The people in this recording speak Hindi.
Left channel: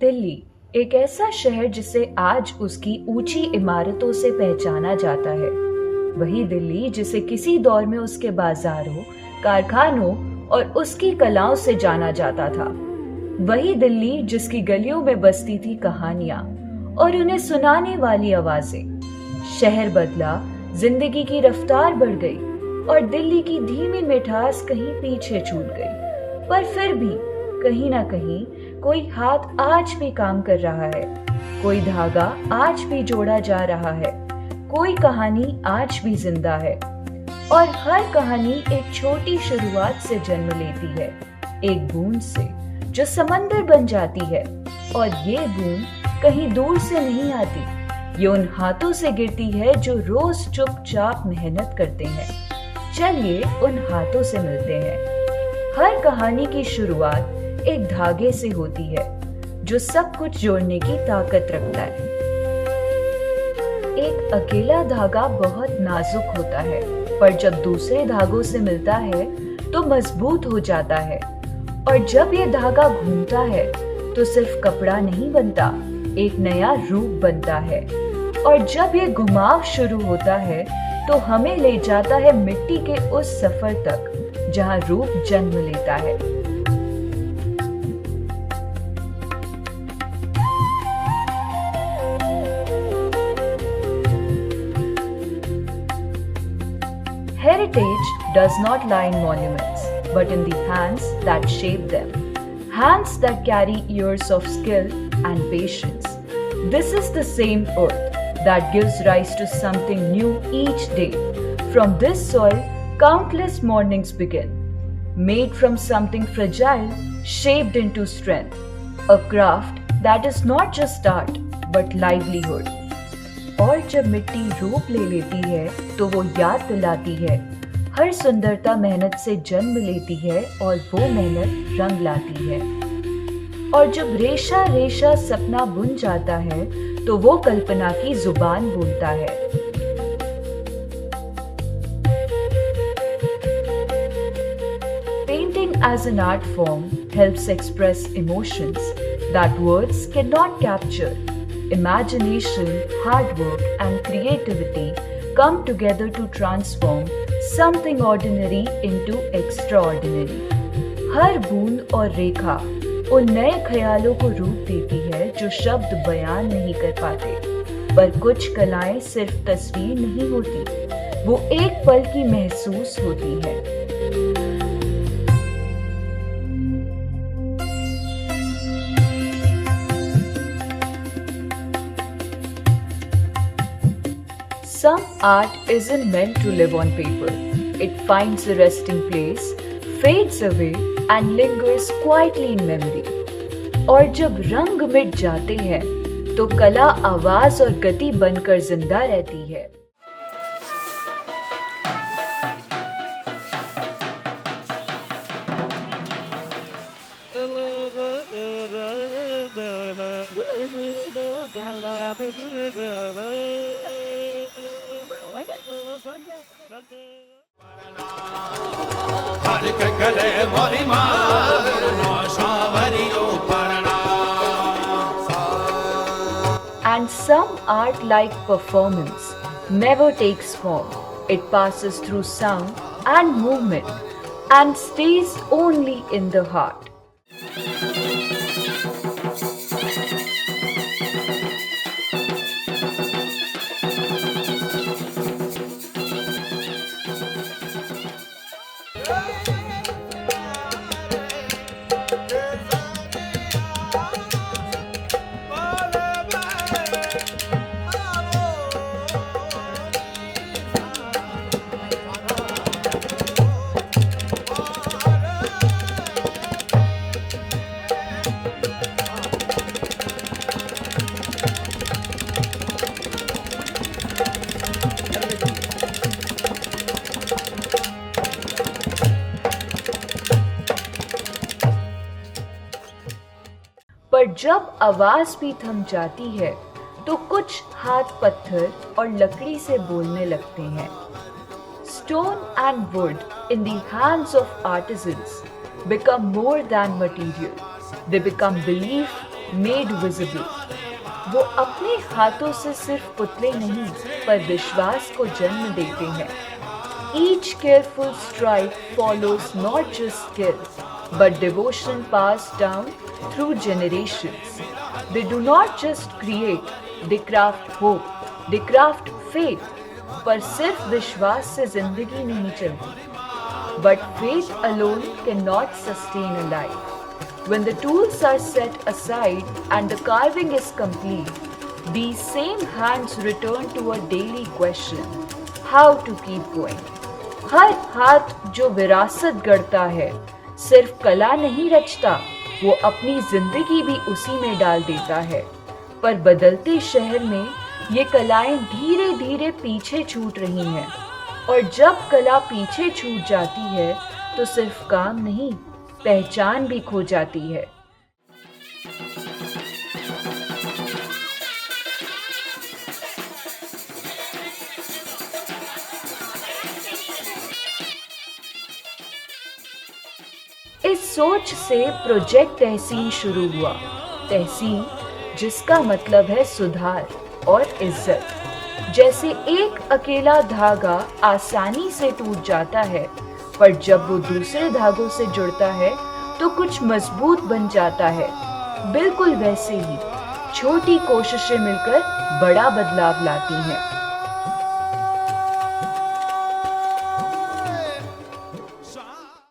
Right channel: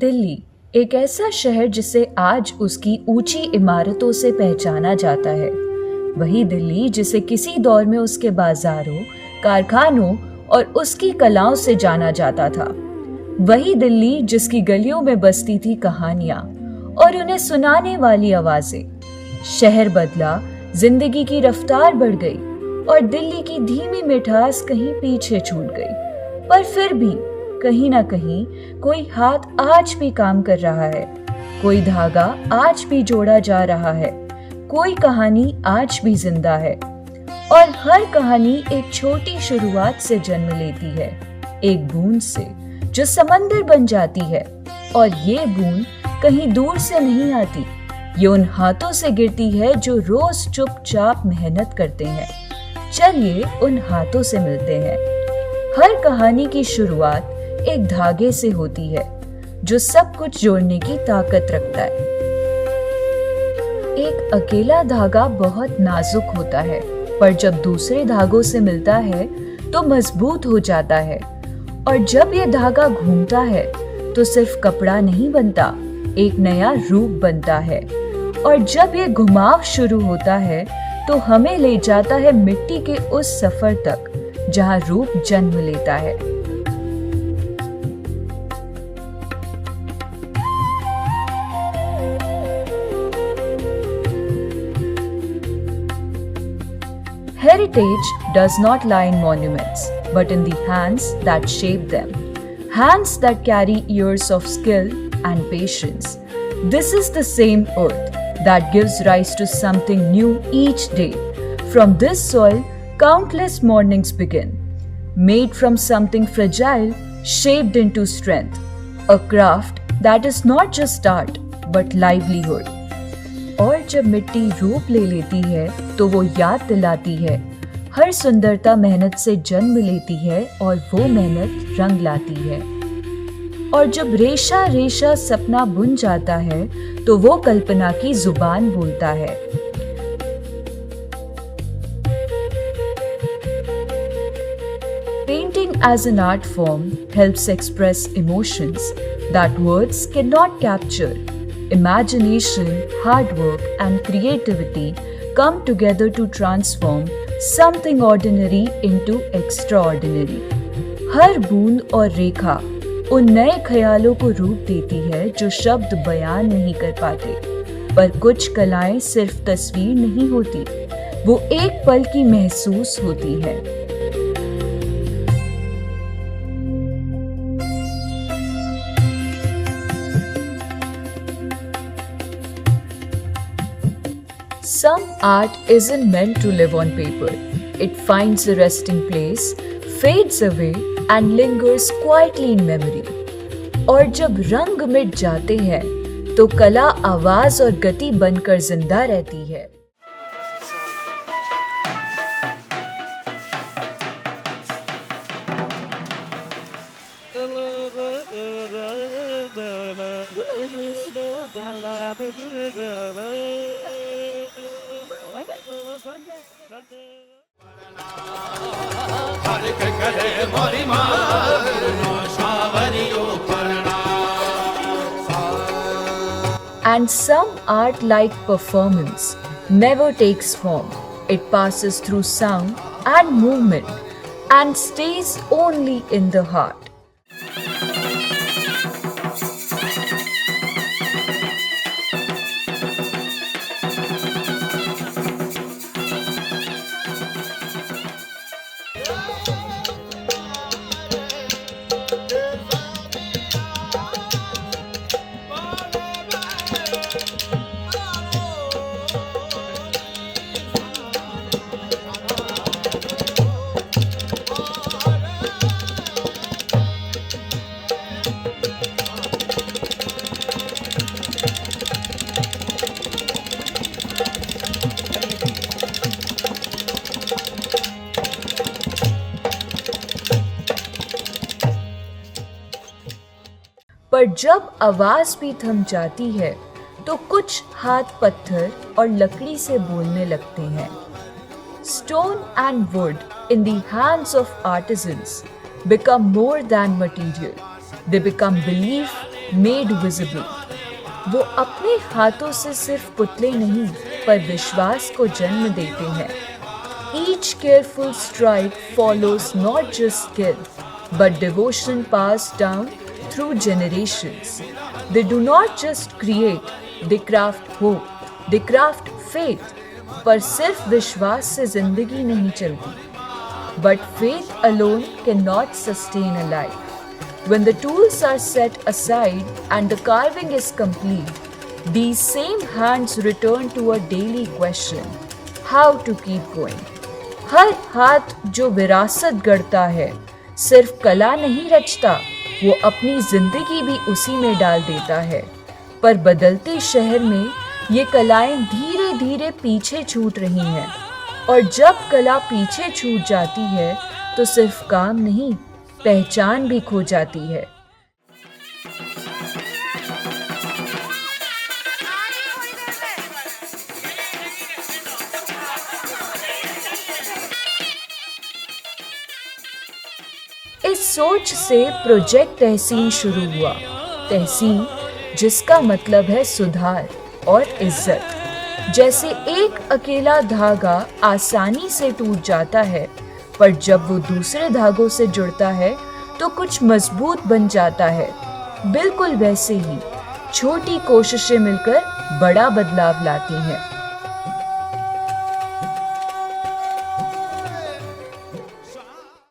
दिल्ली एक ऐसा शहर जिसे आज उसकी ऊंची इमारतों से पहचाना जाता है। वही दिल्ली जिसे किसी दौर में उसके बाजारों, कारखानों और उसकी कलाओं से जाना जाता था। वही दिल्ली जिसकी गलियों में बसती थी कहानियां और उन्हें सुनाने वाली आवाजें। शहर बदला, जिंदगी की रफ्तार बढ़ गई और दिल्ली की धीमी मिठास कहीं पीछे छूट गई। पर फिर भी कहीं ना कहीं कोई हाथ आज भी काम कर रहा है, कोई धागा आज भी जोड़ा जा रहा है, कोई कहानी आज भी जिंदा है। और हर कहानी एक छोटी शुरुआत से जन्म लेती है, एक बूंद से जो समंदर बन जाती है। और ये बूंद कहीं दूर से नहीं आती, ये उन हाथों से गिरती है जो रोज चुपचाप मेहनत करते हैं। चलिए उन हाथों से मिलते हैं। हर कहानी की शुरुआत एक धागे से होती है जो सब कुछ जोड़ने की ताकत रखता है। एक अकेला धागा बहुत नाजुक होता है, पर जब दूसरे धागों से मिलता है तो मजबूत हो जाता है। और जब ये धागा घूमता है तो सिर्फ कपड़ा नहीं बनता, एक नया रूप बनता है। और जब ये घुमाव शुरू होता है तो हमें ले जाता है मिट्टी के उस सफर तक जहां रूप जन्म लेता है। Heritage does not lie in monuments, but in the hands that shape them. Hands that carry years of skill and patience. This is the same earth that gives rise to something new each day. From this soil, countless mornings begin. Made from something fragile, shaped into strength. A craft that is not just art, but livelihood. और जब मिट्टी रूप ले लेती है तो वो याद दिलाती है, हर सुंदरता मेहनत से जन्म लेती है और वो मेहनत रंग लाती है। और जब रेशा रेशा सपना बुन जाता है तो वो कल्पना की जुबान बोलता है। Painting as an art form helps express emotions that words cannot capture. Imagination, hard work, and creativity come together to transform something ordinary into extraordinary. हर बूंद और रेखा उन नए ख्यालों को रूप देती है जो शब्द बयान नहीं कर पाते। पर कुछ कलाएं सिर्फ तस्वीर नहीं होती, वो एक पल की महसूस होती है। Some art isn't meant to live on paper. It finds a resting place, fades away, and lingers quietly in memory. और जब रंग मिट जाते हैं, तो कला आवाज और गति बनकर जिंदा रहती है। And some art, like performance, never takes form. It passes through sound and movement and stays only in the heart. पर जब आवाज भी थम जाती है तो कुछ हाथ पत्थर और लकड़ी से बोलने लगते हैं। Stone and wood in the hands of artisans become more than material. They become belief, made visible. वो अपने हाथों से सिर्फ पुतले नहीं पर विश्वास को जन्म देते हैं। Each careful stride follows not just skill, but devotion passed down through generations. They do not just create, they craft hope, they craft faith. पर सिर्फ विश्वास से जिंदगी नहीं चलती, but faith alone cannot sustain a life. When the tools are set aside and the carving is complete, these same hands return to a daily question: how to keep going. हर हाथ जो विरासत गढ़ता है सिर्फ कला नहीं रचता, वो अपनी जिंदगी भी उसी में डाल देता है। पर बदलते शहर में ये कलाएं धीरे धीरे पीछे छूट रही हैं, और जब कला पीछे छूट जाती है तो सिर्फ काम नहीं, पहचान भी खो जाती है। इस सोच से प्रोजेक्ट तहसीन शुरू हुआ। तहसीन जिसका मतलब है सुधार और इज्जत। जैसे एक अकेला धागा आसानी से टूट जाता है, पर जब वो दूसरे धागों से जुड़ता है तो कुछ मजबूत बन जाता है। बिल्कुल वैसे ही छोटी कोशिशें मिलकर बड़ा बदलाव लाती हैं।